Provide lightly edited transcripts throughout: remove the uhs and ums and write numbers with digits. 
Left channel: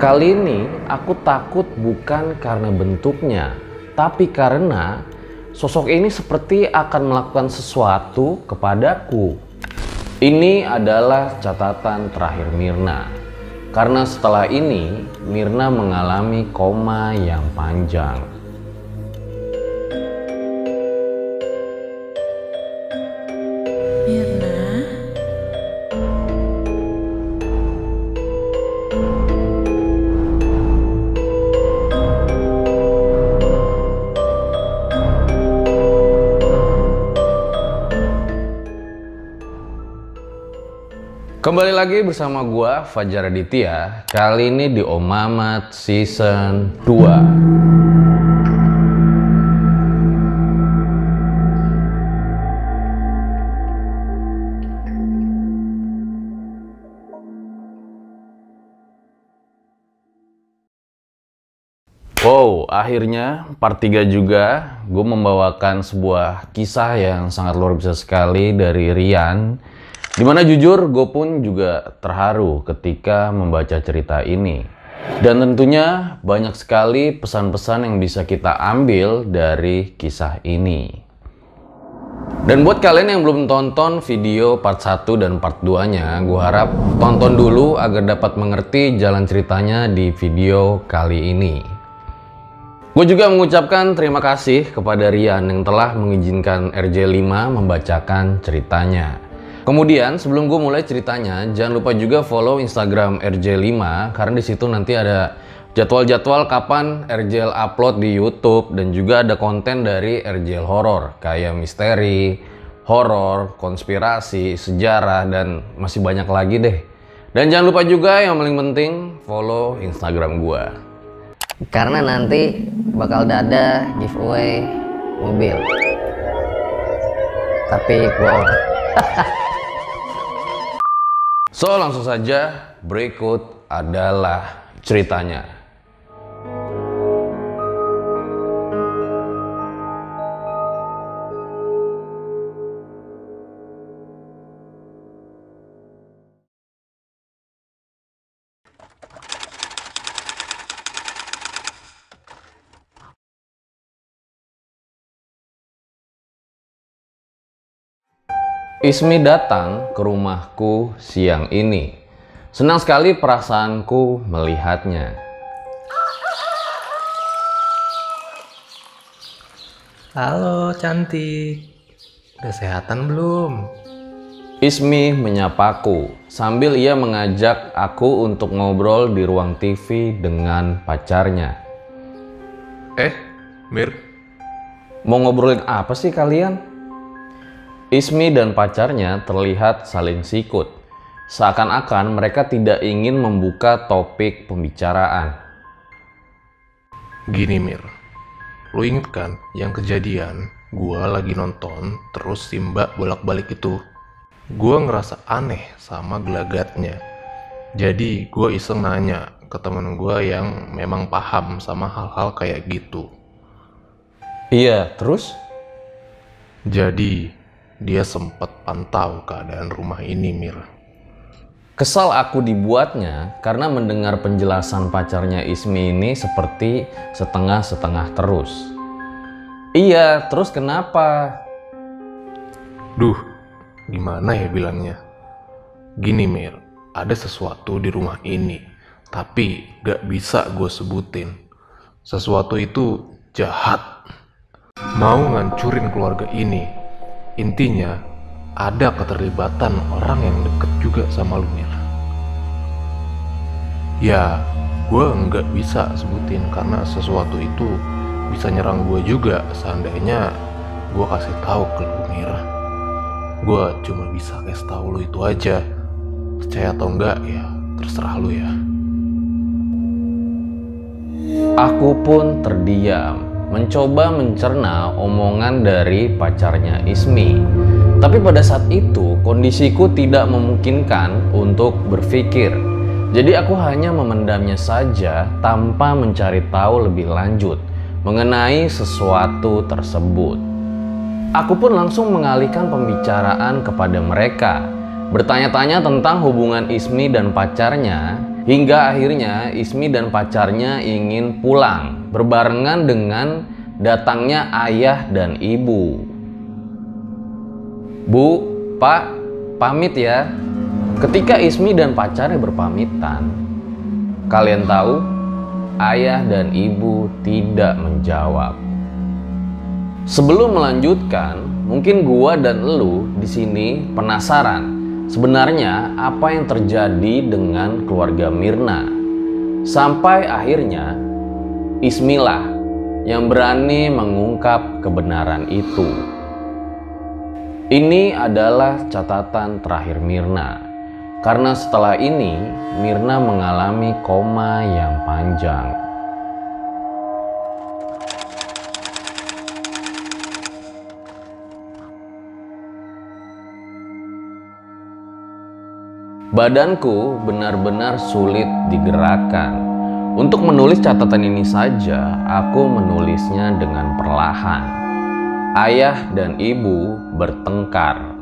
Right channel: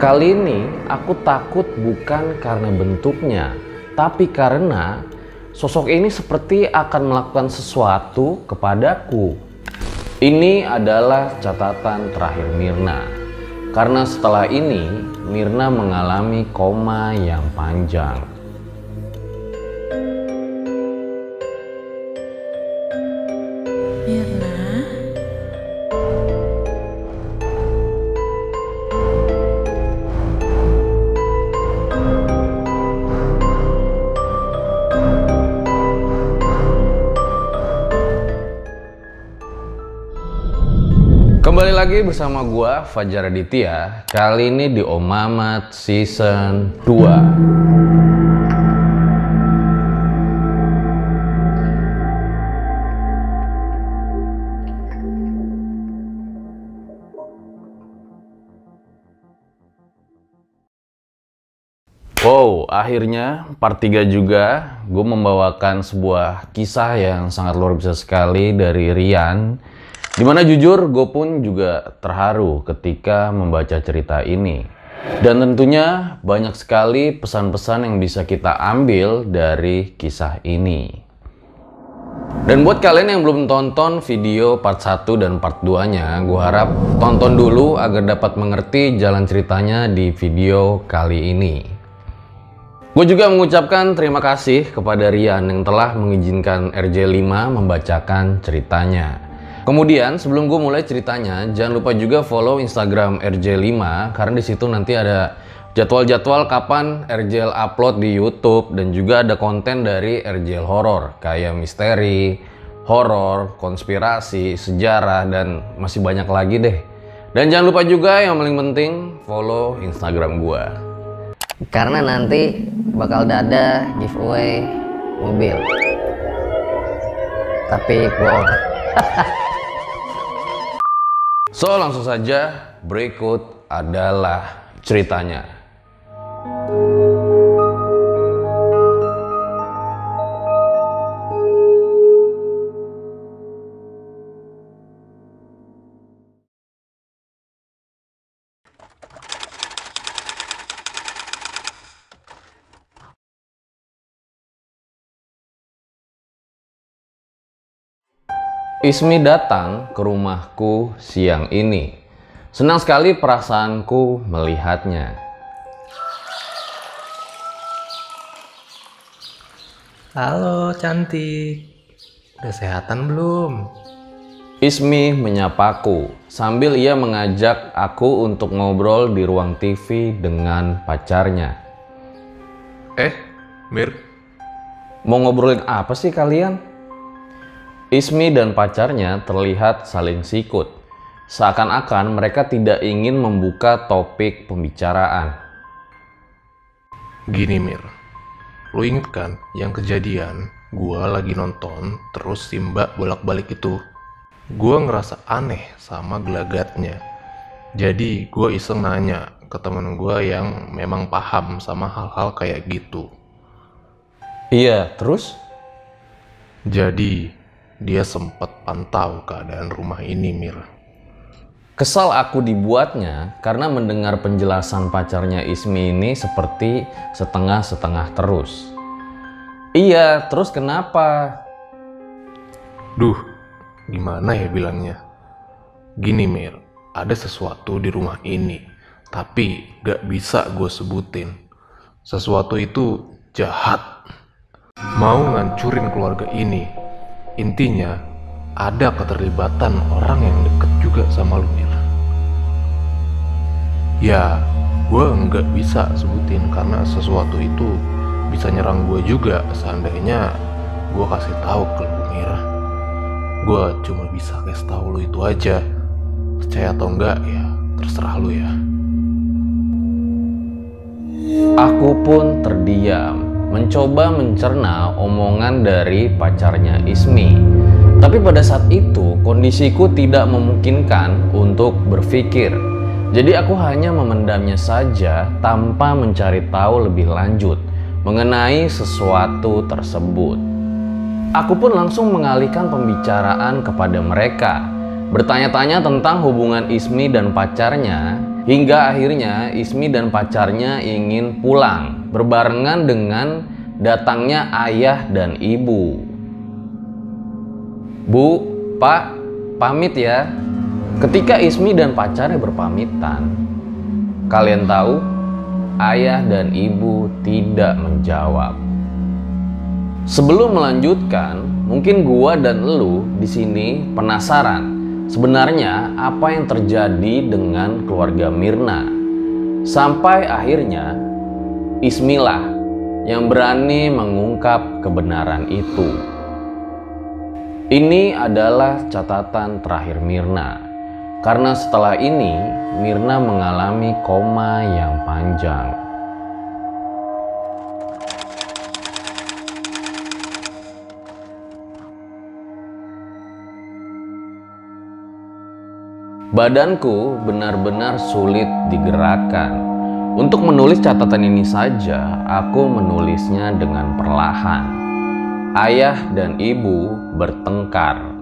Kali ini aku takut bukan karena bentuknya, tapi karena sosok ini seperti akan melakukan sesuatu kepadaku. Ini adalah catatan terakhir Mirna. Karena setelah ini, Mirna mengalami koma yang panjang. Mirna, Kembali lagi bersama gua Fajar Aditya. Kali ini di Om Mamat Season 2. Wow, akhirnya part 3 juga gue membawakan sebuah kisah yang sangat luar biasa sekali dari Rian. Dimana jujur gue pun juga terharu ketika membaca cerita ini. Dan tentunya banyak sekali pesan-pesan yang bisa kita ambil dari kisah ini. Dan buat kalian yang belum tonton video part 1 dan part 2-nya, gue harap tonton dulu agar dapat mengerti jalan ceritanya di video kali ini. Gue juga mengucapkan terima kasih kepada Rian yang telah mengizinkan RJ5 membacakan ceritanya. Kemudian sebelum gue mulai ceritanya, jangan lupa juga follow Instagram RJ5 karena di situ nanti ada jadwal-jadwal kapan RJ upload di YouTube dan juga ada konten dari RJ horor kayak misteri, horor, konspirasi, sejarah dan masih banyak lagi deh. Dan jangan lupa juga yang paling penting follow Instagram gue. Karena nanti bakal ada giveaway mobil. Tapi bohong. So langsung saja, berikut adalah ceritanya. Ismi datang ke rumahku siang ini. Senang sekali perasaanku melihatnya. Halo cantik, udah sehatan belum? Ismi menyapaku sambil ia mengajak aku untuk ngobrol di ruang TV dengan pacarnya. Mir, Mau ngobrolin apa sih kalian? Ismi dan pacarnya terlihat saling sikut. Seakan-akan mereka tidak ingin membuka topik pembicaraan. gini Mir, lu inget kan yang kejadian gua lagi nonton terus si Mbak bolak-balik itu? Gua ngerasa aneh sama gelagatnya. Jadi gua iseng nanya ke temen gua yang memang paham sama hal-hal kayak gitu. Iya, terus? Jadi dia sempat pantau keadaan rumah ini, Mir. Kesal aku dibuatnya karena mendengar penjelasan pacarnya Ismi ini seperti setengah-setengah terus. Iya, terus kenapa? Duh, gimana ya bilangnya? Gini Mir, ada sesuatu di rumah ini, tapi gak bisa gue sebutin. Sesuatu itu jahat, mau ngancurin keluarga ini. Intinya, ada keterlibatan orang yang deket juga sama lu Mir. Ya, gue nggak bisa sebutin karena sesuatu itu bisa nyerang gue juga seandainya gue kasih tahu ke lu Mir. Gue cuma bisa kasih tahu lu itu aja. Percaya atau enggak ya terserah lu ya. Aku pun terdiam, mencoba mencerna omongan dari pacarnya Ismi. Tapi pada saat itu kondisiku tidak memungkinkan untuk berpikir. Jadi aku hanya memendamnya saja tanpa mencari tahu lebih lanjut mengenai sesuatu tersebut. Aku pun langsung mengalihkan pembicaraan kepada mereka bertanya-tanya tentang hubungan Ismi dan pacarnya, hingga akhirnya Ismi dan pacarnya ingin pulang berbarengan dengan datangnya ayah dan ibu. Bu, Pak, pamit ya. Ketika Ismi dan pacarnya berpamitan, kalian tahu, ayah dan ibu tidak menjawab. Sebelum melanjutkan, mungkin gua dan elu di sini penasaran sebenarnya apa yang terjadi dengan keluarga Mirna. Sampai akhirnya Ismilah yang berani mengungkap kebenaran itu. Ini adalah catatan terakhir Mirna. Karena setelah ini, Mirna mengalami koma yang panjang. Badanku benar-benar sulit digerakkan. Untuk menulis catatan ini saja, aku menulisnya dengan perlahan. Ayah dan ibu bertengkar.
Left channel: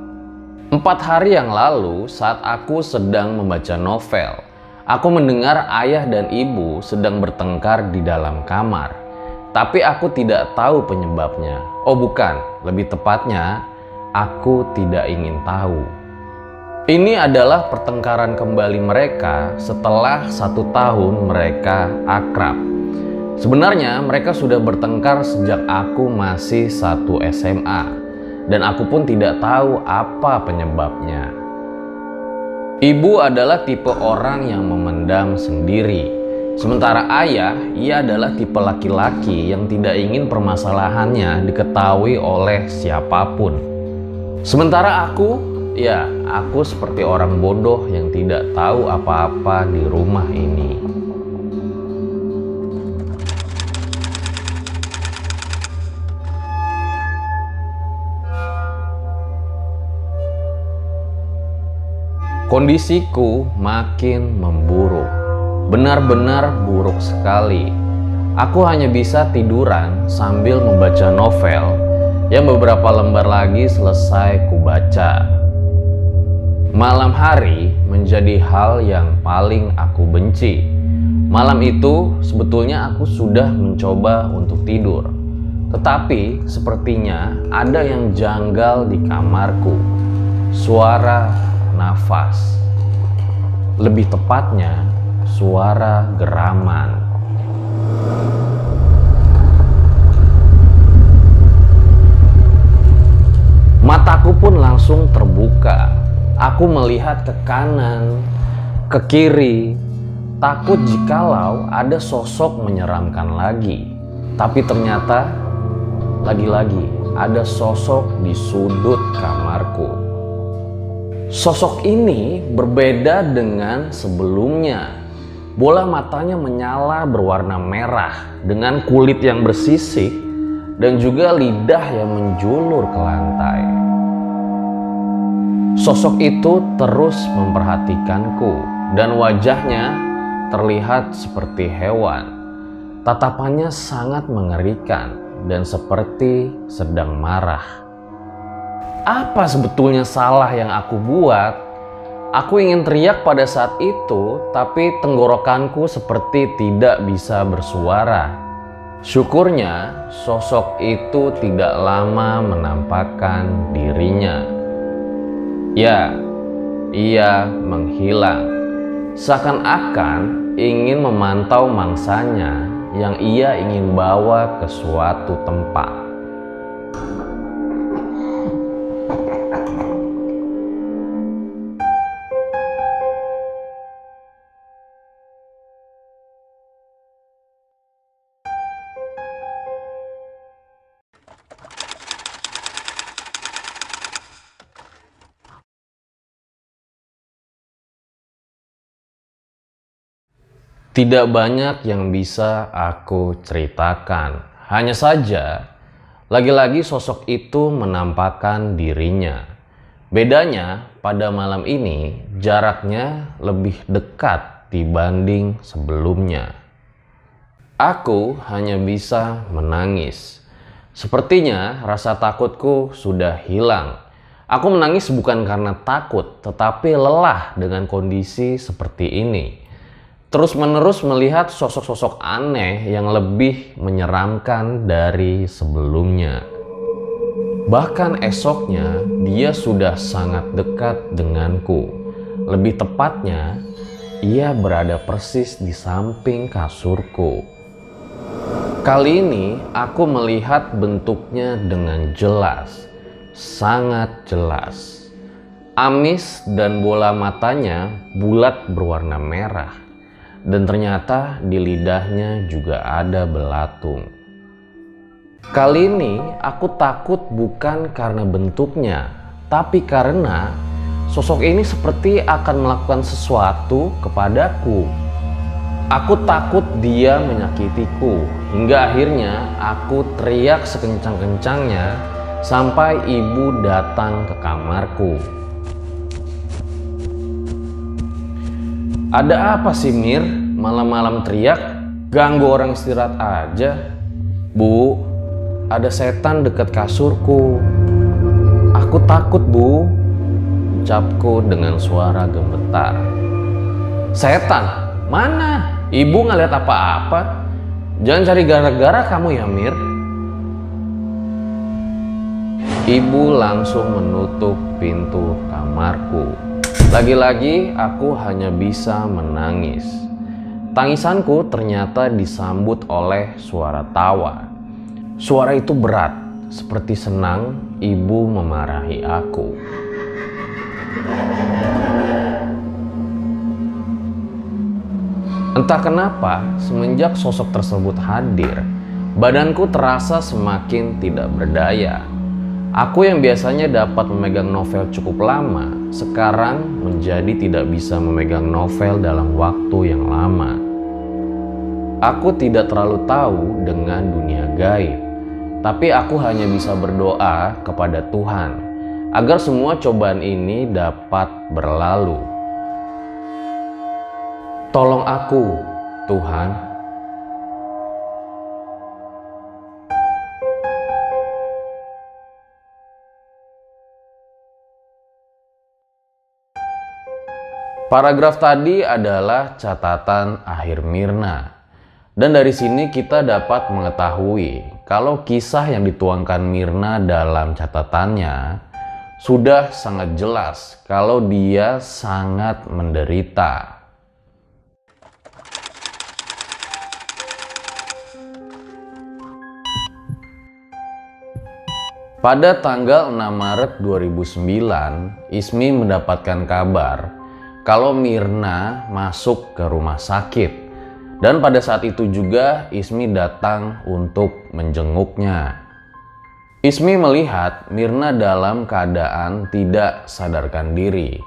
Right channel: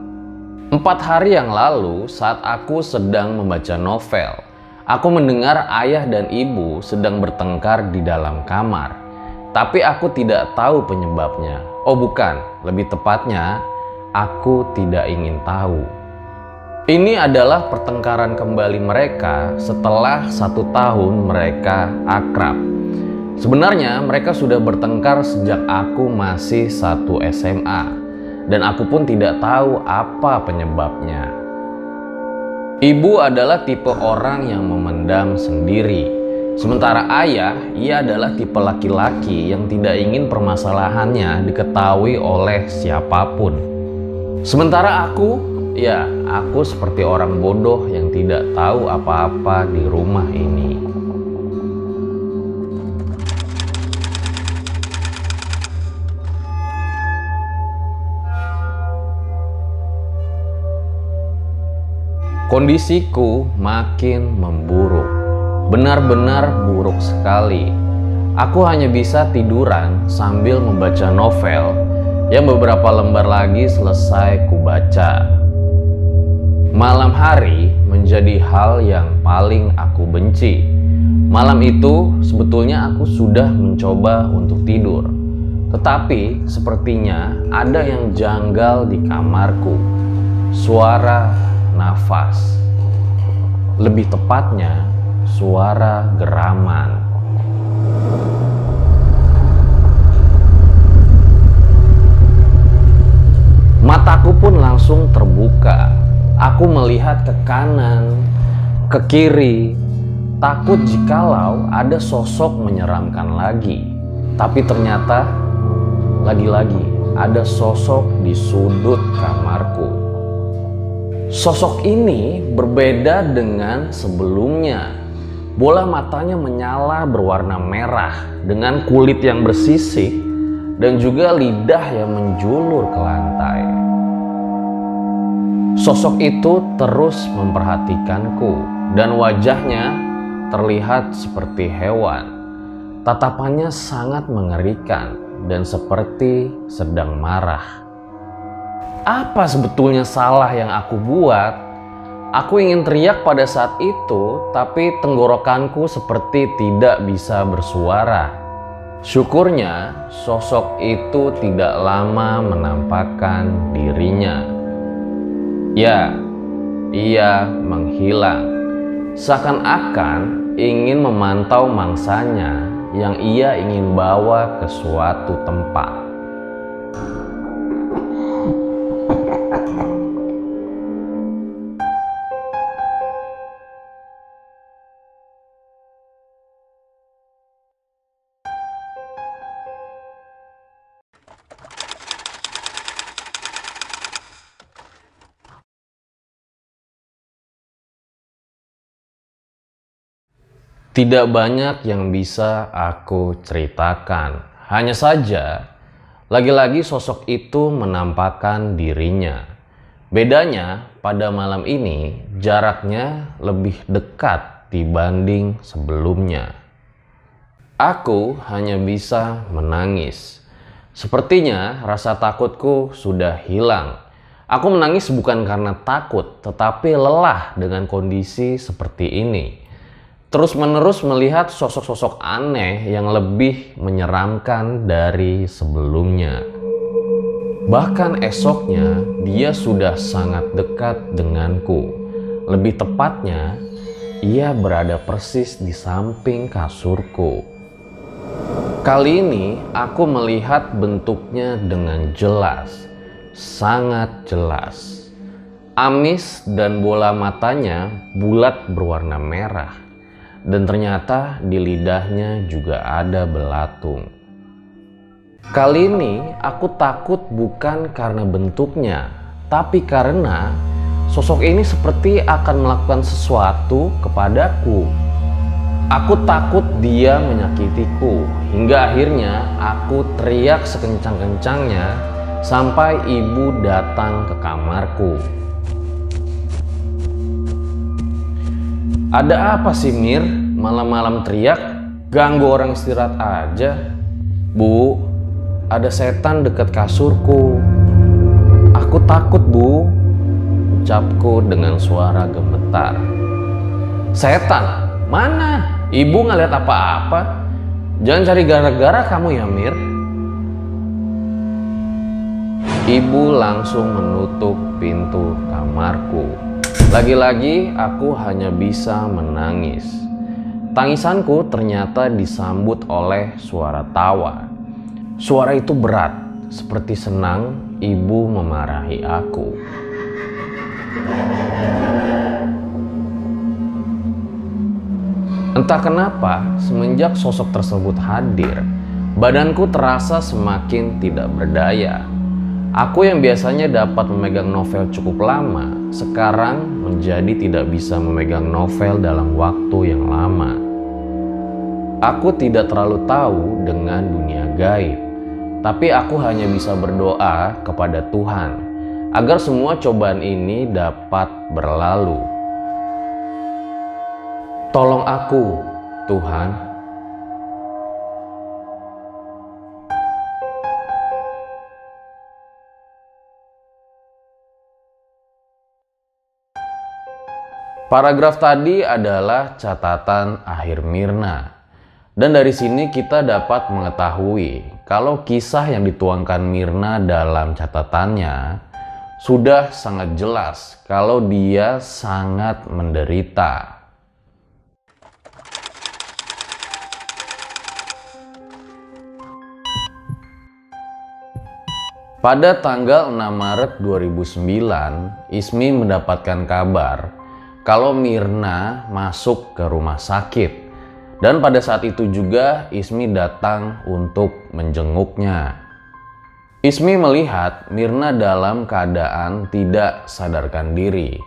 4 hari yang lalu saat aku sedang membaca novel, aku mendengar ayah dan ibu sedang bertengkar di dalam kamar. Tapi aku tidak tahu penyebabnya. Oh bukan, lebih tepatnya aku tidak ingin tahu. Ini adalah pertengkaran kembali mereka setelah 1 tahun mereka akrab. Sebenarnya mereka sudah bertengkar sejak aku masih 1 SMA. Dan aku pun tidak tahu apa penyebabnya. Ibu adalah tipe orang yang memendam sendiri. Sementara ayah, ia adalah tipe laki-laki yang tidak ingin permasalahannya diketahui oleh siapapun. Sementara aku, ya aku seperti orang bodoh yang tidak tahu apa-apa di rumah ini. Kondisiku makin memburuk, benar-benar buruk sekali. Aku hanya bisa tiduran sambil membaca novel yang beberapa lembar lagi selesai kubaca. Malam hari menjadi hal yang paling aku benci. Malam itu sebetulnya aku sudah mencoba untuk tidur, tetapi sepertinya ada yang janggal di kamarku. Suara nafas, lebih tepatnya suara geraman. Mataku pun langsung terbuka. Aku melihat ke kanan, ke kiri, takut jikalau ada sosok menyeramkan lagi. Tapi ternyata lagi-lagi ada sosok di sudut kamarku. Sosok ini berbeda dengan sebelumnya. Bola matanya menyala berwarna merah dengan kulit yang bersisik dan juga lidah yang menjulur ke lantai. Sosok itu terus memperhatikanku dan wajahnya terlihat seperti hewan. Tatapannya sangat mengerikan dan seperti sedang marah. Apa sebetulnya salah yang aku buat? Aku ingin teriak pada saat itu, tapi tenggorokanku seperti tidak bisa bersuara. Syukurnya, sosok itu tidak lama menampakkan dirinya. Ya, ia menghilang. Seakan-akan ingin memantau mangsanya yang ia ingin bawa ke suatu tempat. Tidak banyak yang bisa aku ceritakan. Hanya saja, lagi-lagi sosok itu menampakkan dirinya. Bedanya, pada malam ini jaraknya lebih dekat dibanding sebelumnya. Aku hanya bisa menangis. Sepertinya rasa takutku sudah hilang. Aku menangis bukan karena takut, tetapi lelah dengan kondisi seperti ini. Terus-menerus melihat sosok-sosok aneh yang lebih menyeramkan dari sebelumnya. Bahkan esoknya, dia sudah sangat dekat denganku. Lebih tepatnya, ia berada persis di samping kasurku. Kali ini, aku melihat bentuknya dengan jelas. Sangat jelas. Amis dan bola matanya bulat berwarna merah. Dan ternyata di lidahnya juga ada belatung. Kali ini aku takut bukan karena bentuknya, tapi karena sosok ini seperti akan melakukan sesuatu kepadaku. Aku takut dia menyakitiku, hingga akhirnya aku teriak sekencang-kencangnya sampai ibu datang ke kamarku. Ada apa sih Mir? Malam-malam teriak? Ganggu orang istirahat aja. Bu, ada setan dekat kasurku. Aku takut bu, ucapku dengan suara gemetar. Setan? Mana? Ibu nggak lihat apa-apa. Jangan cari gara-gara kamu ya Mir. Ibu langsung menutup pintu kamarku. Lagi-lagi aku hanya bisa menangis. Tangisanku ternyata disambut oleh suara tawa. Suara itu berat, seperti senang ibu memarahi aku. Entah kenapa, semenjak sosok tersebut hadir, badanku terasa semakin tidak berdaya. Aku yang biasanya dapat memegang novel cukup lama, sekarang menjadi tidak bisa memegang novel dalam waktu yang lama. Aku tidak terlalu tahu dengan dunia gaib, tapi aku hanya bisa berdoa kepada Tuhan agar semua cobaan ini dapat berlalu. Tolong aku, Tuhan. Paragraf tadi adalah catatan akhir Mirna. Dan dari sini kita dapat mengetahui kalau kisah yang dituangkan Mirna dalam catatannya sudah sangat jelas kalau dia sangat menderita. Pada tanggal 6 Maret 2009, Ismi mendapatkan kabar kalau Mirna masuk ke rumah sakit. Dan pada saat itu juga Ismi datang untuk menjenguknya. Ismi melihat Mirna dalam keadaan tidak sadarkan diri.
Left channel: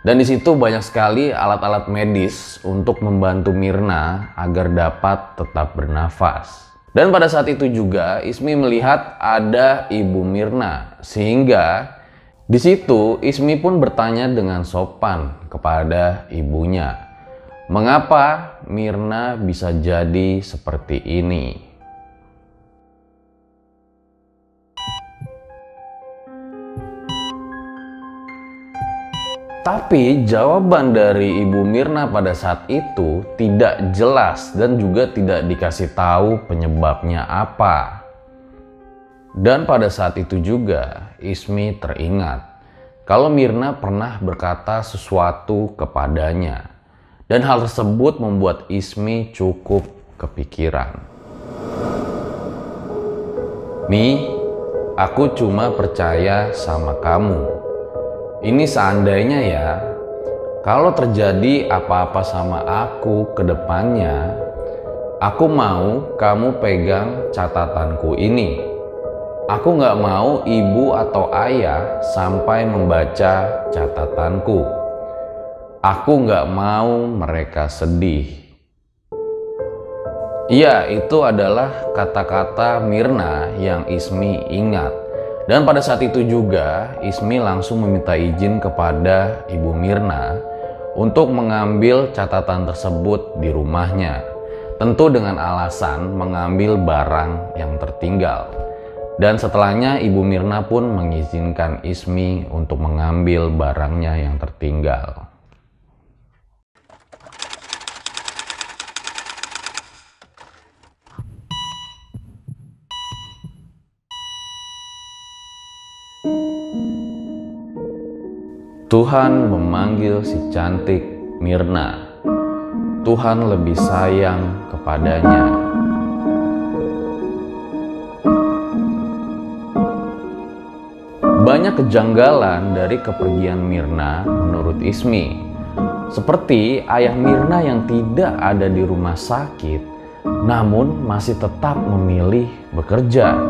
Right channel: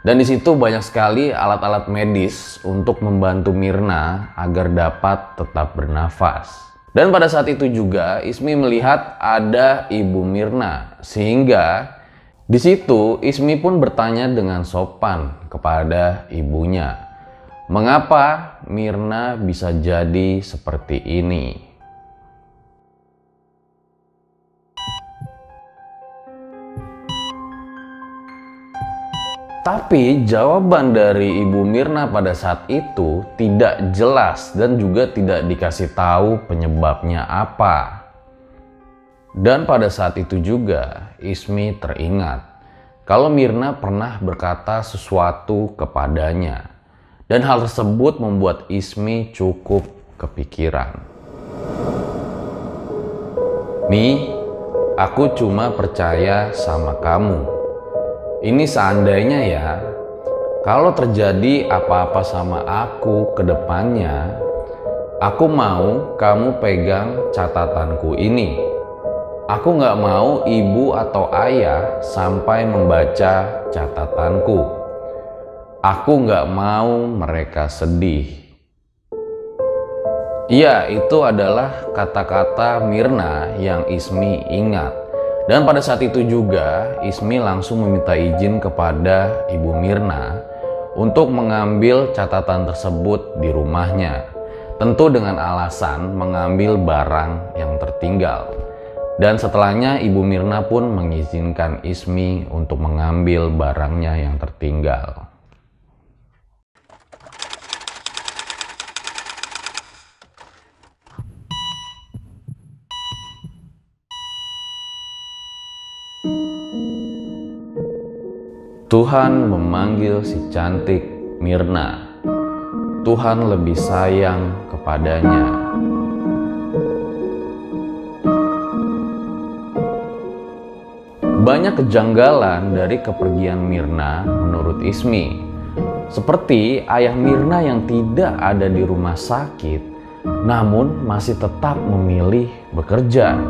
Dan di situ banyak sekali alat-alat medis untuk membantu Mirna agar dapat tetap bernafas. Dan pada saat itu juga Ismi melihat ada ibu Mirna, sehingga di situ Ismi pun bertanya dengan sopan kepada ibunya, mengapa Mirna bisa jadi seperti ini? Tapi jawaban dari ibu Mirna pada saat itu tidak jelas dan juga tidak dikasih tahu penyebabnya apa. Dan pada saat itu juga Ismi teringat kalau Mirna pernah berkata sesuatu kepadanya. Dan hal tersebut membuat Ismi cukup kepikiran. Mi, aku cuma percaya sama kamu. Ini seandainya ya, kalau terjadi apa-apa sama aku ke depannya, aku mau kamu pegang catatanku ini. Aku nggak mau ibu atau ayah sampai membaca catatanku. Aku nggak mau mereka sedih. Iya, itu adalah kata-kata Mirna yang Ismi ingat. Dan pada saat itu juga Ismi langsung meminta izin kepada ibu Mirna untuk mengambil catatan tersebut di rumahnya. Tentu dengan alasan mengambil barang yang tertinggal. Dan setelahnya Ibu Mirna pun mengizinkan Ismi untuk mengambil barangnya yang tertinggal. Tuhan memanggil si cantik Mirna. Tuhan lebih sayang kepadanya. Banyak kejanggalan dari kepergian Mirna menurut Ismi. Seperti ayah Mirna yang tidak ada di rumah sakit, namun masih tetap memilih bekerja.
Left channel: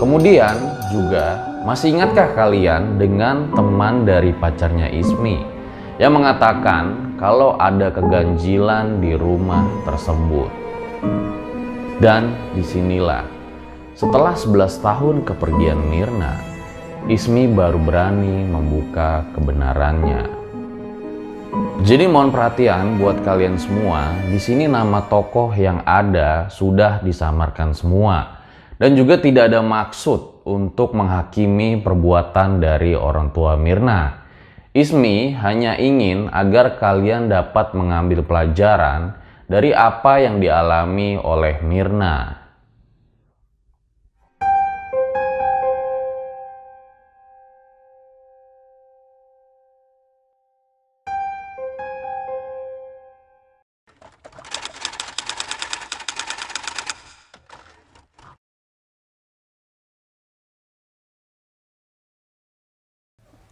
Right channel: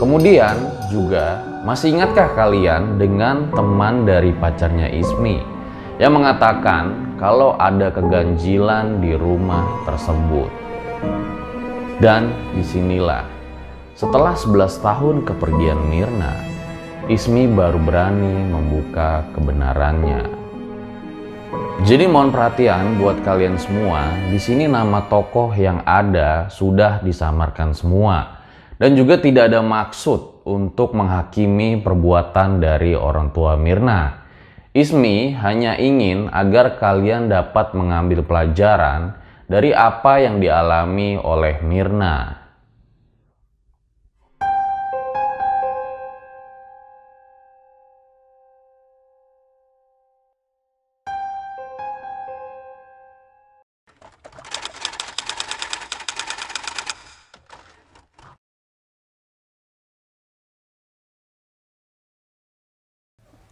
Kemudian juga, masih ingatkah kalian dengan teman dari pacarnya Ismi yang mengatakan kalau ada keganjilan di rumah tersebut? Dan disinilah, setelah 11 tahun kepergian Mirna, Ismi baru berani membuka kebenarannya. Jadi mohon perhatian buat kalian semua, di sini nama tokoh yang ada sudah disamarkan semua. Dan juga tidak ada maksud untuk menghakimi perbuatan dari orang tua Mirna. Ismi hanya ingin agar kalian dapat mengambil pelajaran dari apa yang dialami oleh Mirna.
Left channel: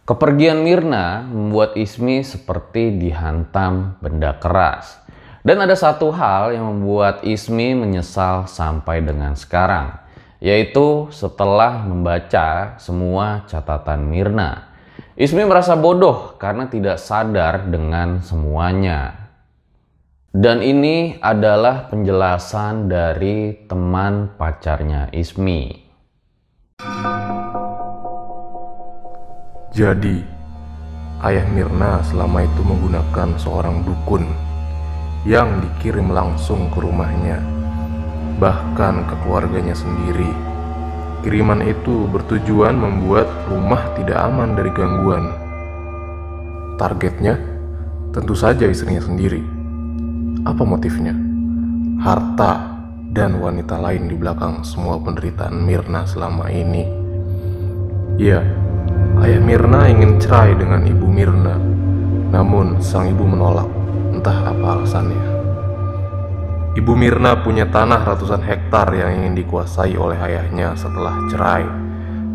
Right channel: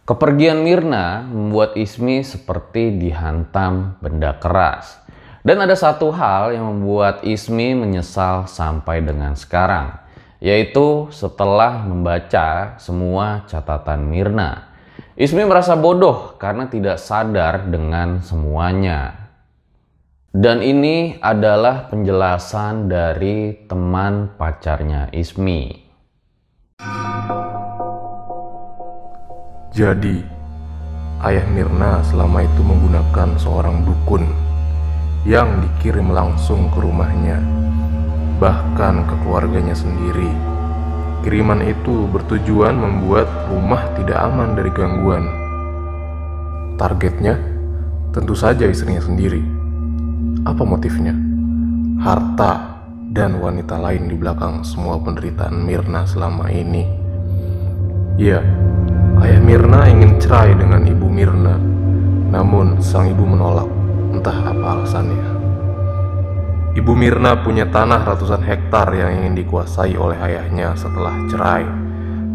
Kepergian Mirna membuat Ismi seperti dihantam benda keras. Dan ada satu hal yang membuat Ismi menyesal sampai dengan sekarang, yaitu setelah membaca semua catatan Mirna. Ismi merasa bodoh karena tidak sadar dengan semuanya. Dan ini adalah penjelasan dari teman pacarnya Ismi. Jadi, ayah Mirna selama itu menggunakan seorang dukun yang dikirim langsung ke rumahnya, bahkan ke keluarganya sendiri. Kiriman itu bertujuan membuat rumah tidak aman dari gangguan. Targetnya tentu saja istrinya sendiri. Apa motifnya? Harta dan wanita lain di belakang semua penderitaan Mirna selama ini. Ya, ayah Mirna ingin cerai dengan ibu Mirna, namun sang ibu menolak, entah apa alasannya. Ibu Mirna punya tanah ratusan hektar yang ingin dikuasai oleh ayahnya setelah cerai.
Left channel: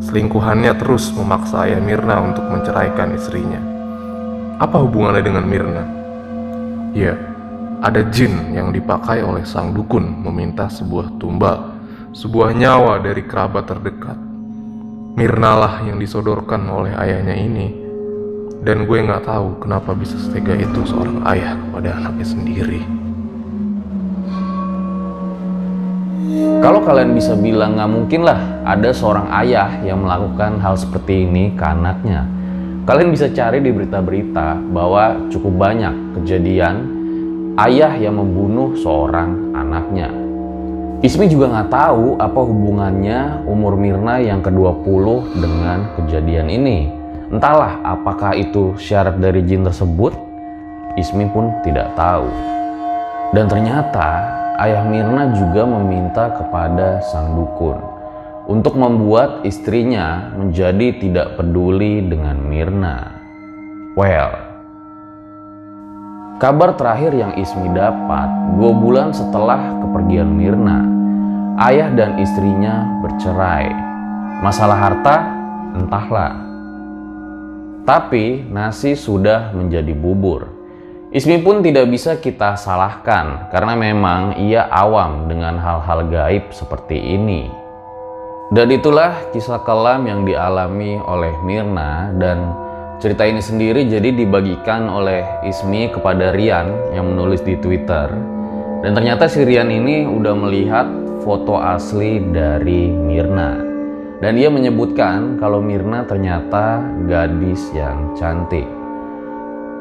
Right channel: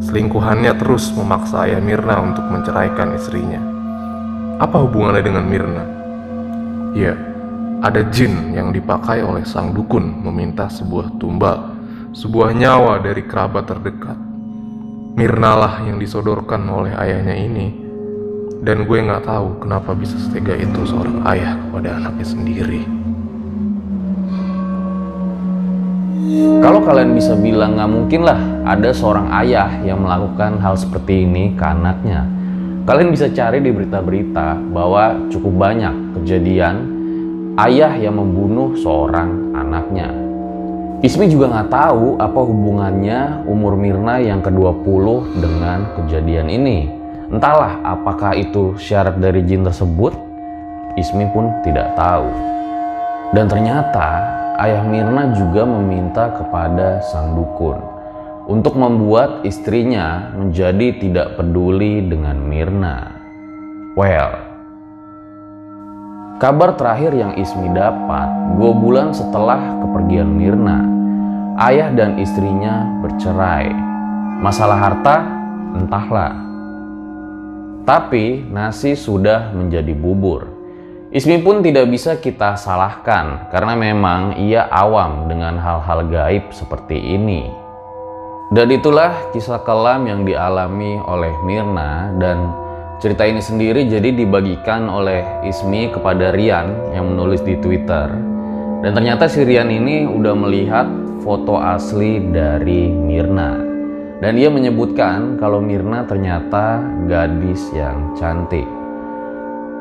Selingkuhannya terus memaksa ayah Mirna untuk menceraikan istrinya. Apa hubungannya dengan Mirna? Ya, ada jin yang dipakai oleh sang dukun meminta sebuah tumbal, sebuah nyawa dari kerabat terdekat. Mirna lah yang disodorkan oleh ayahnya ini. Dan gue gak tahu kenapa bisa setega itu seorang ayah kepada anaknya sendiri. Kalau kalian bisa bilang gak mungkin lah ada seorang ayah yang melakukan hal seperti ini ke anaknya. Kalian bisa cari di berita-berita bahwa cukup banyak kejadian ayah yang membunuh seorang anaknya. Ismi juga nggak tahu apa hubungannya umur Mirna yang ke-20 dengan kejadian ini. Entahlah apakah itu syarat dari jin tersebut, Ismi pun tidak tahu. Dan ternyata ayah Mirna juga meminta kepada sang dukun untuk membuat istrinya menjadi tidak peduli dengan Mirna. Well, kabar terakhir yang Ismi dapat 2 bulan setelah kepergian Mirna, ayah dan istrinya bercerai. Masalah harta, entahlah. Tapi nasi sudah menjadi bubur. Ismi pun tidak bisa kita salahkan karena memang ia awam dengan hal-hal gaib seperti ini. Dan itulah kisah kelam yang dialami oleh Mirna, dan cerita ini sendiri jadi dibagikan oleh Ismi kepada Rian yang menulis di Twitter. Dan ternyata si Rian ini udah melihat foto asli dari Mirna. Dan ia menyebutkan kalau Mirna ternyata gadis yang cantik.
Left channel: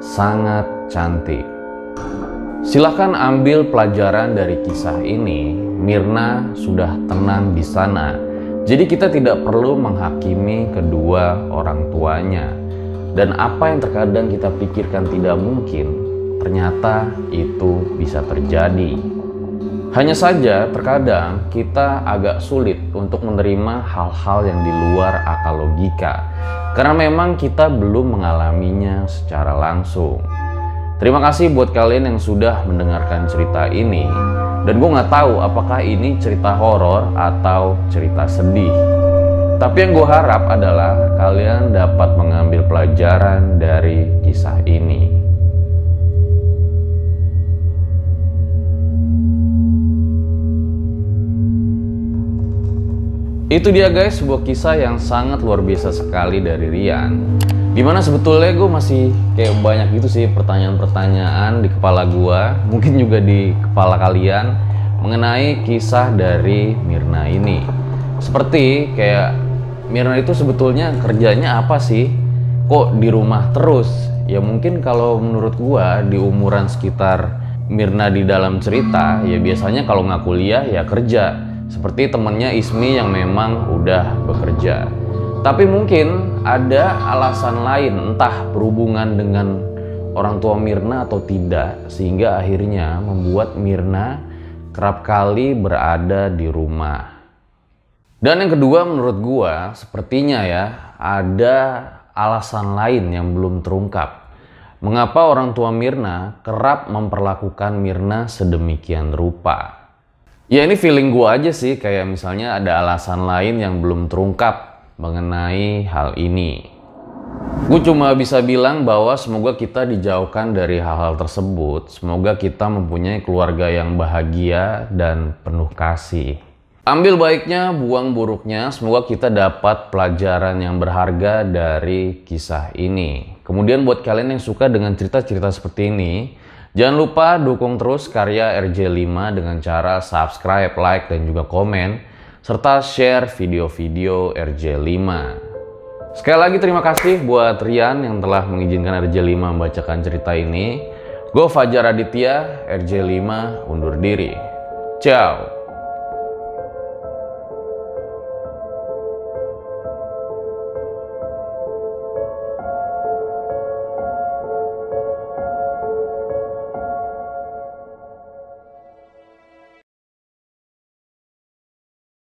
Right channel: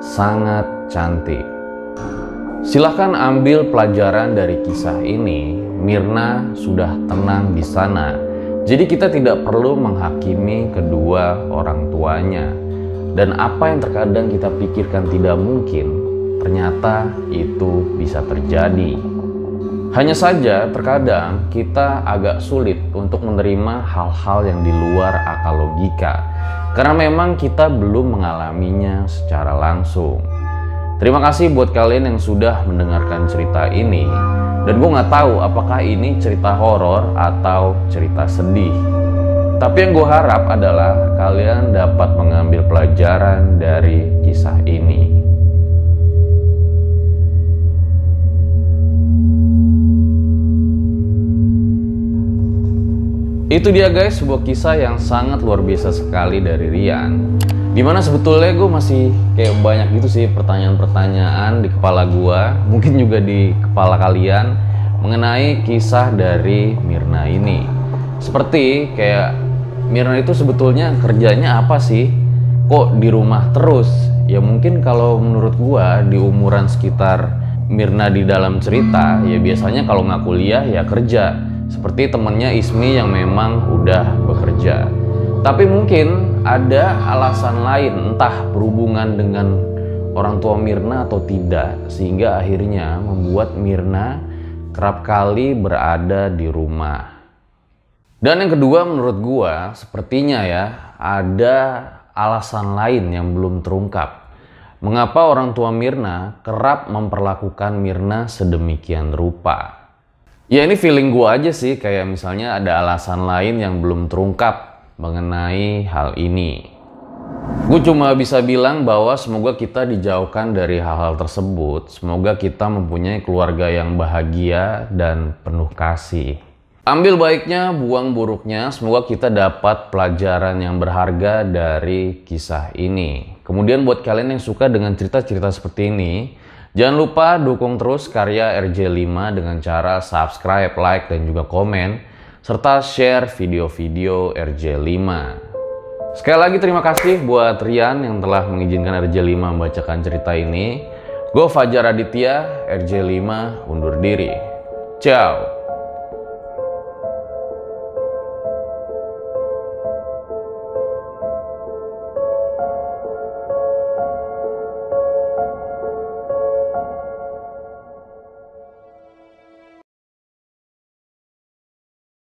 Sangat cantik. Silahkan ambil pelajaran dari kisah ini. Mirna sudah tenang di sana. Jadi kita tidak perlu menghakimi kedua orang tuanya. Dan apa yang terkadang kita pikirkan tidak mungkin, ternyata itu bisa terjadi. Hanya saja terkadang kita agak sulit untuk menerima hal-hal yang di luar akal logika. Karena memang kita belum mengalaminya secara langsung. Terima kasih buat kalian yang sudah mendengarkan cerita ini. Dan gue nggak tahu apakah ini cerita horor atau cerita sedih. Tapi yang gue harap adalah kalian dapat mengambil pelajaran dari kisah ini. Itu dia guys, sebuah kisah yang sangat luar biasa sekali dari Rian. Dimana sebetulnya gue masih kayak banyak gitu sih pertanyaan-pertanyaan di kepala gue, mungkin juga di kepala kalian, mengenai kisah dari Mirna ini. Seperti kayak Mirna itu sebetulnya kerjanya apa sih? Kok di rumah terus? Ya mungkin kalau menurut gue di umuran sekitar Mirna di dalam cerita, ya biasanya kalau nggak kuliah ya kerja. Seperti temennya Ismi yang memang udah bekerja. Tapi mungkin ada alasan lain, entah berhubungan dengan orang tua Mirna atau tidak, sehingga akhirnya membuat Mirna kerap kali berada di rumah. Dan yang kedua menurut gua, sepertinya ya ada alasan lain yang belum terungkap. Mengapa orang tua Mirna kerap memperlakukan Mirna sedemikian rupa? Ya ini feeling gue aja sih, kayak misalnya ada alasan lain yang belum terungkap mengenai hal ini. Gue cuma bisa bilang bahwa semoga kita dijauhkan dari hal-hal tersebut. Semoga kita mempunyai keluarga yang bahagia dan penuh kasih. Ambil baiknya, buang buruknya. Semoga kita dapat pelajaran yang berharga dari kisah ini. Kemudian buat kalian yang suka dengan cerita-cerita seperti ini, jangan lupa dukung terus karya RJ5 dengan cara subscribe, like, dan juga komen, serta share video-video RJ5. Sekali lagi terima kasih buat Rian yang telah mengizinkan RJ5 membacakan cerita ini. Gue Fajar Aditya, RJ5 undur diri. Ciao!